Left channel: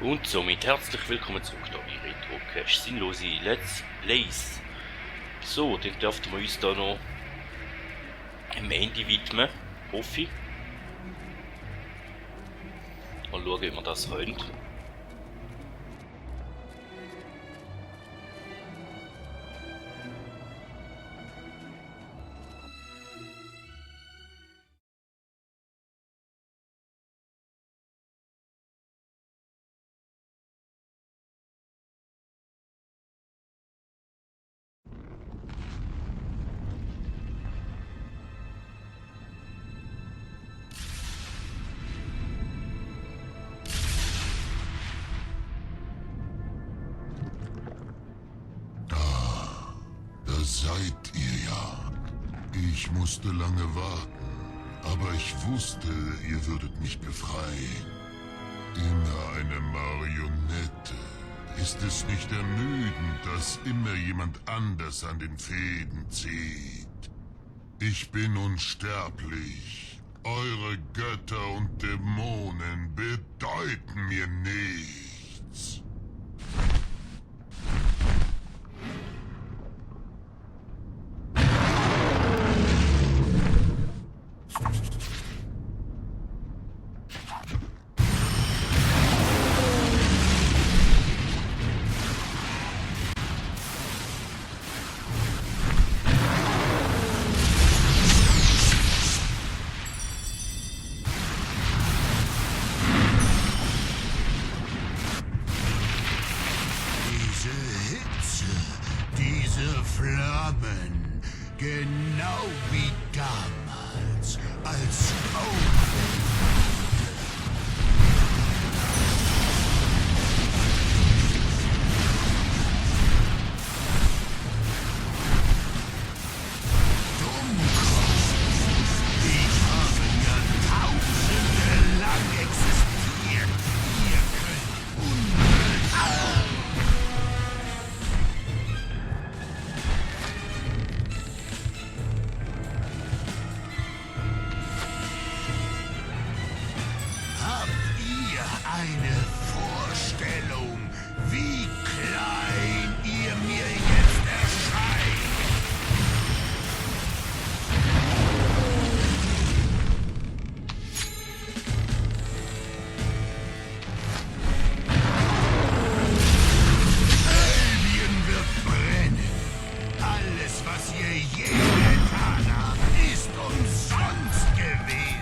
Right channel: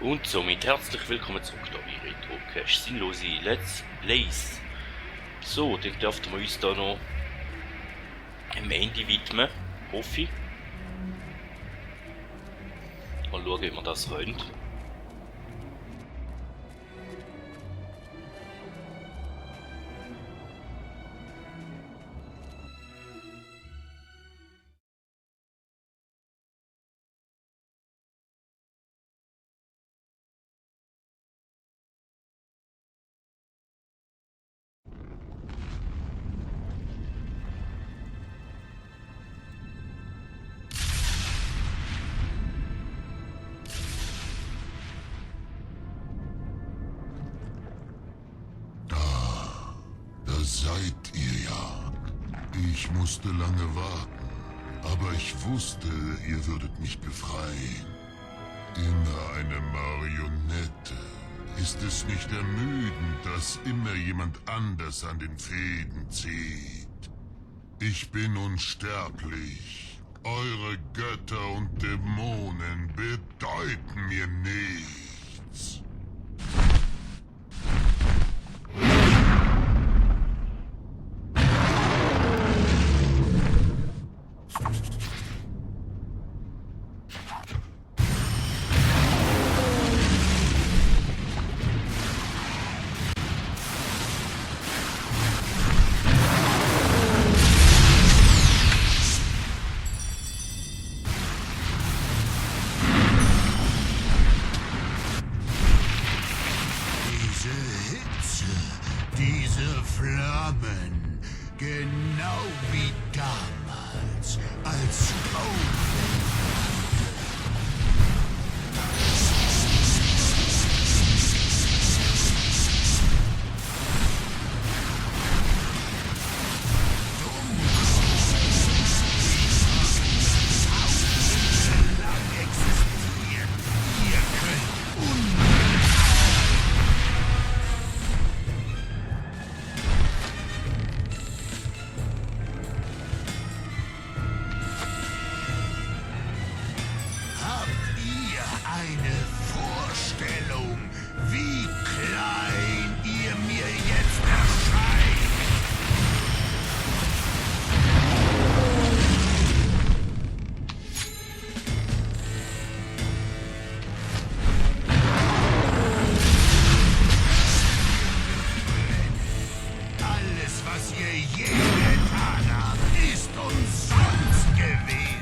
Und somit herzlich willkommen zurück da bei Retro Cache Sinnlose Let's Plays. So, dann dürften wir uns da noch am Ende widmen, hoffe ich. Mal schauen, wie wir das können. Seid ihr ja. Ich musste lange warten, aber ich wusste, ihr würdet mich befreien. Immer eine Marionette. Ist es nicht ermüdend, dass immer jemand anders an den Fäden zieht? Ich bin unsterblich. Eure Götter und Dämonen bedeuten mir nichts. Diese Flammen, genau wie damals, als eine Vorstellung, wie klein ihr mir jetzt erscheint. Albion wird brennen. Alles, was ihr je getan habt, ist umsonst gewesen.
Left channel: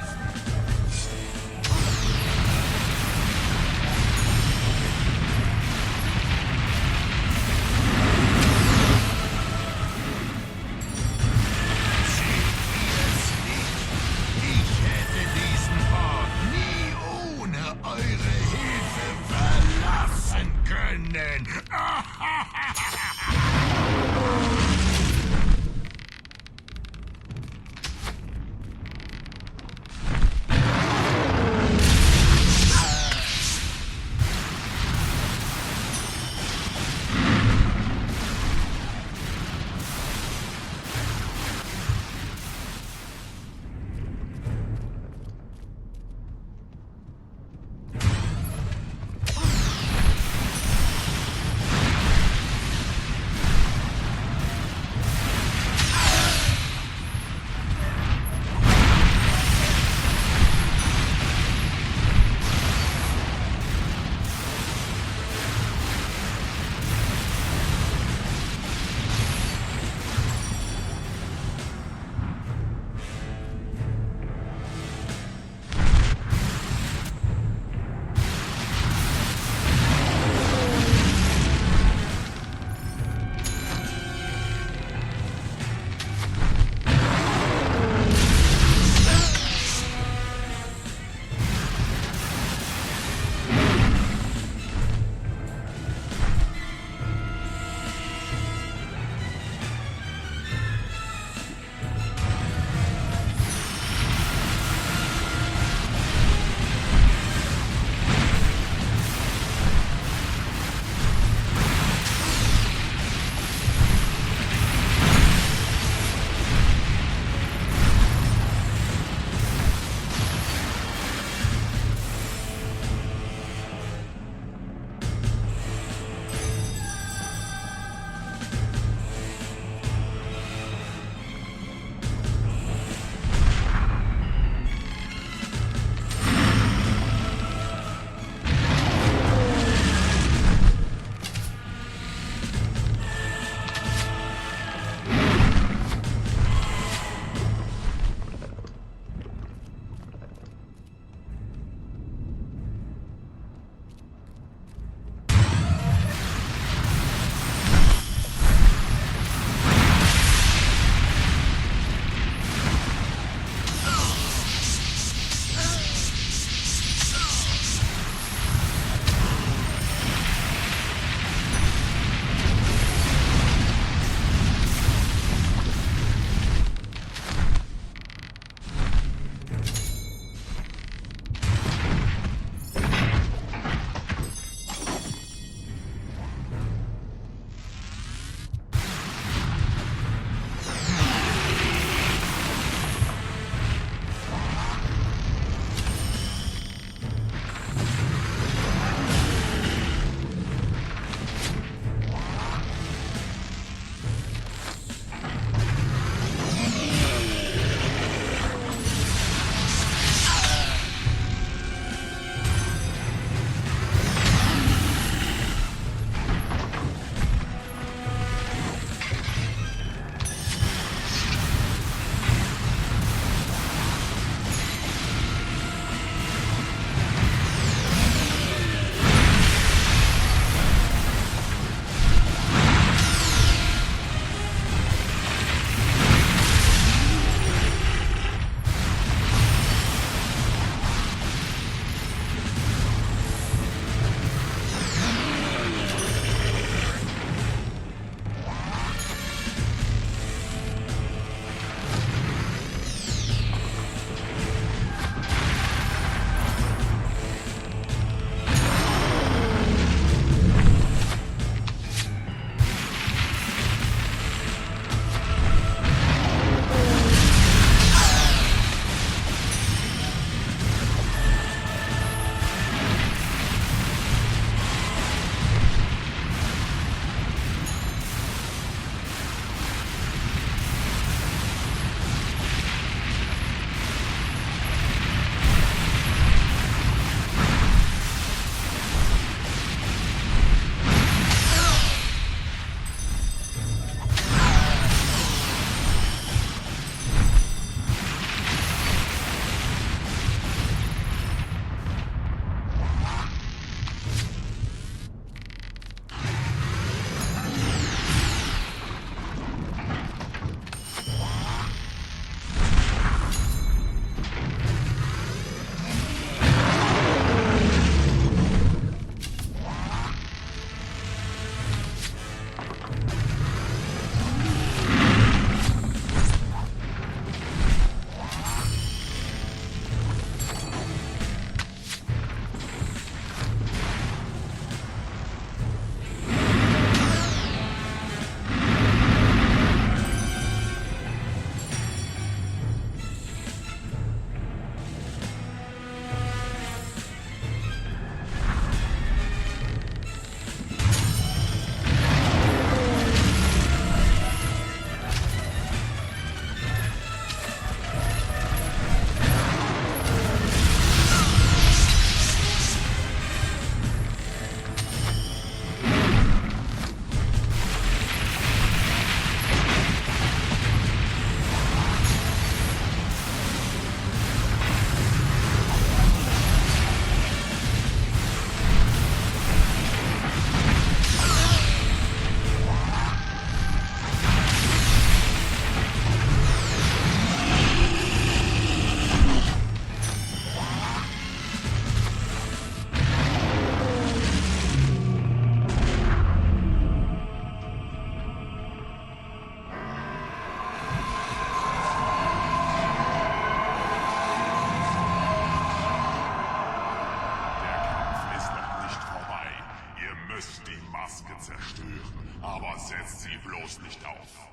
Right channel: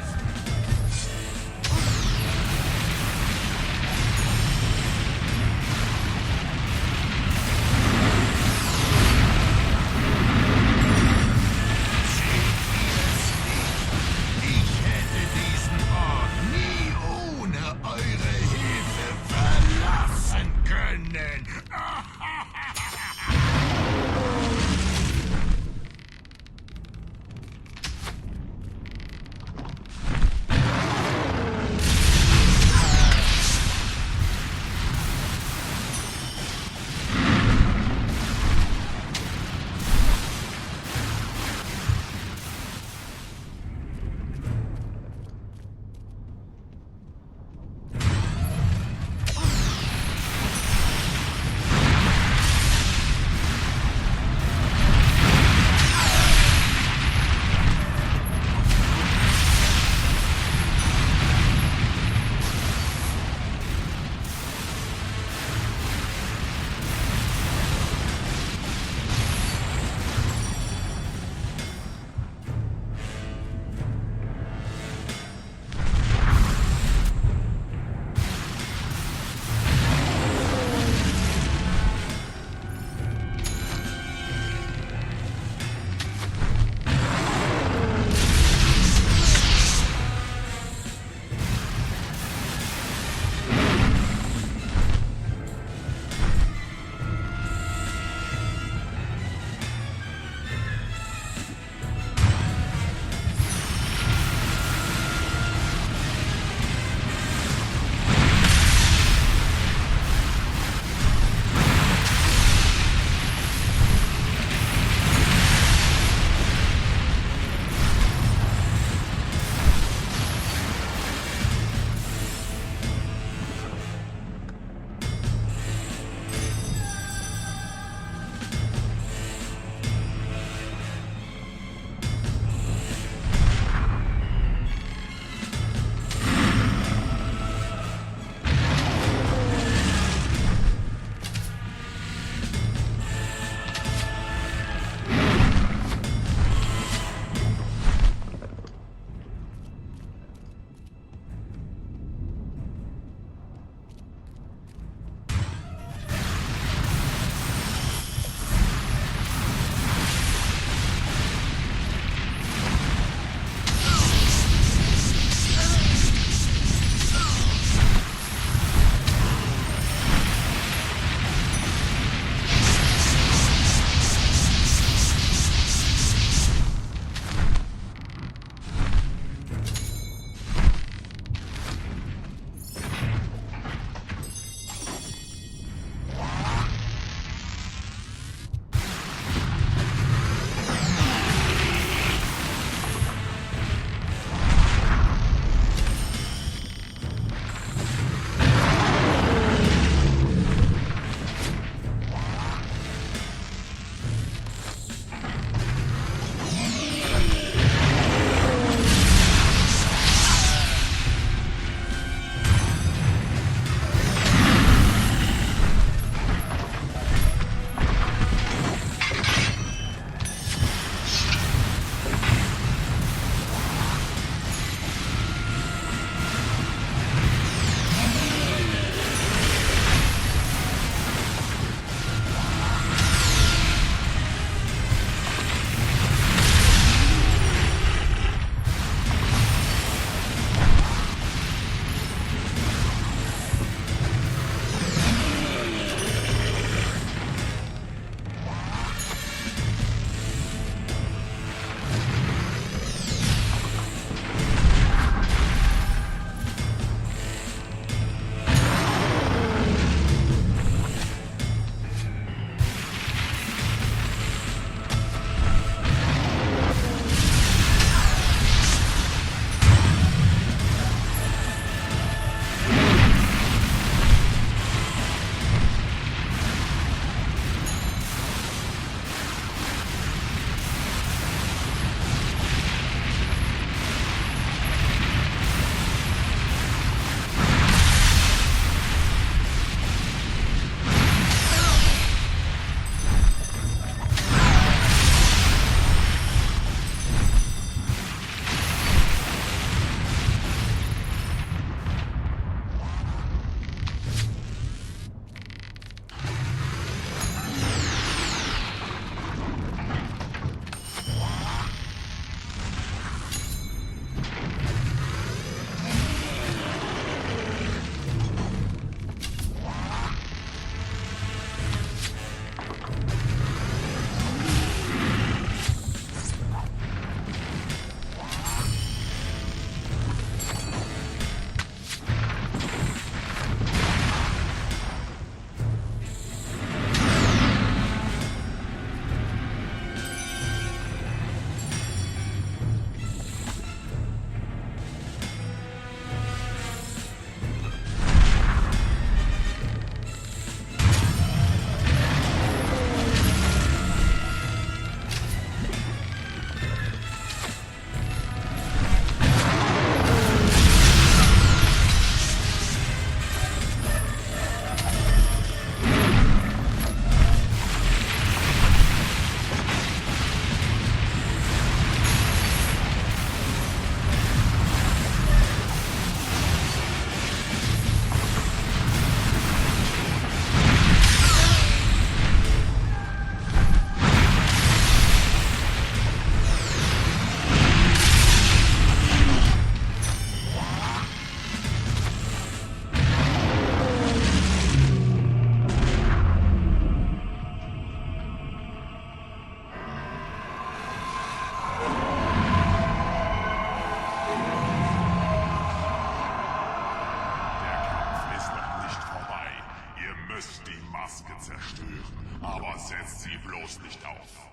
setzt sie bloß nicht auf.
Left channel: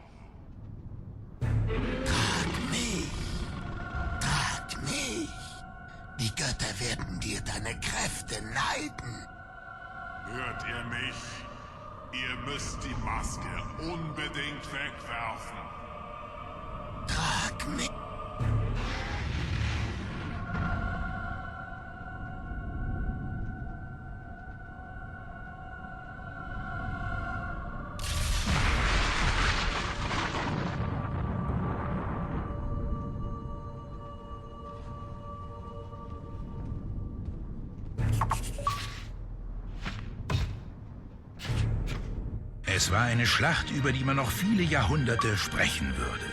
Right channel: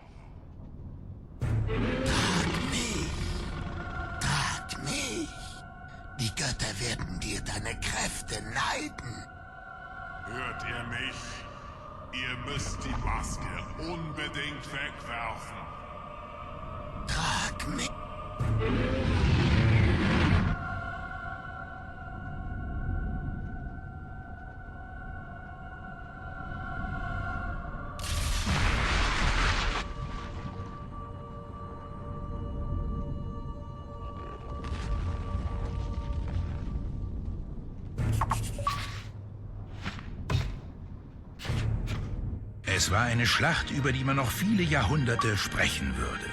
Trag mich! Trag mich! Die Götter werden dir deine Kräfte neiden. Hört ihr mich? Ihr müsst die Maske unbedingt wegwerfen. Trag mich! Es war eine Schlacht, über die man noch viele Jahrhunderte sprechen würde.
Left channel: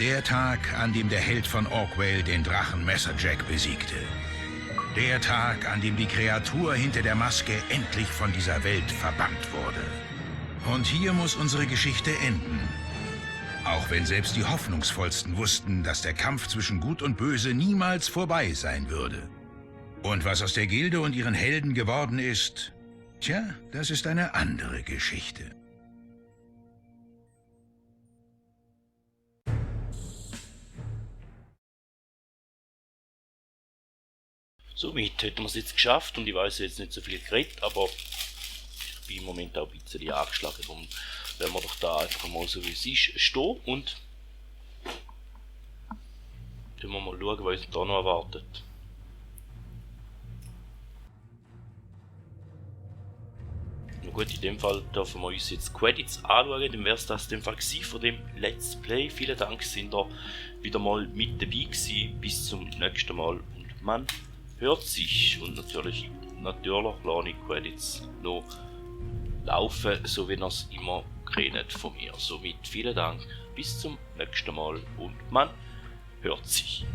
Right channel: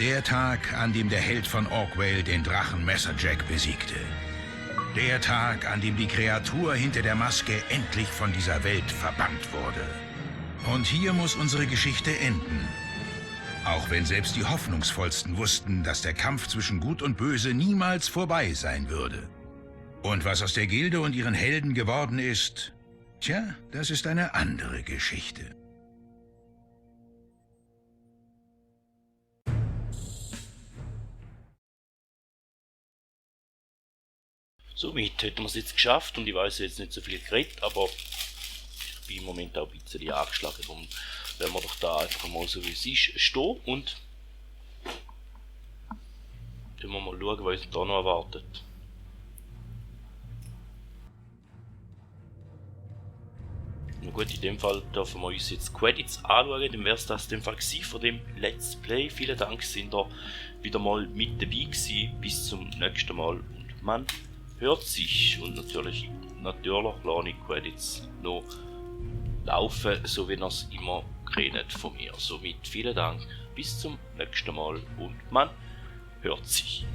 Der Tag, an dem der Held von Orkwell den Drachen Messerjack besiegte. Der Tag, an dem die Kreatur hinter der Maske endlich von dieser Welt verbannt wurde. Und hier muss unsere Geschichte enden. Auch wenn selbst die Hoffnungsvollsten wussten, dass der Kampf zwischen Gut und Böse niemals vorbei sein würde. Und was aus der Gilde und ihren Helden geworden ist, tja, das ist eine andere Geschichte. Somit hätten wir es jetzt geschafft und ich weiß jetzt nicht so viel geredet, aber ich bin im Moment auch ein bisschen angeschlagen. Darum werden wir doch da einfach mal so wie es ist stehen und dann wir mal schauen, was uns da noch erwartet. Na gut, in dem Fall dürfen wir uns jetzt Credits anschauen, dann wäre es das in dem Fall gewesen von dem Let's Play. Vielen Dank, sind ihr wieder mal mit dabei gewesen. Bis zum nächsten Mal und man hört sich. Und natürlich lasse ich Credits noch laufen, so wie ihr es immer kennt von mir. Somit vielen Dank, bis zum nächsten Mal und man hört sich.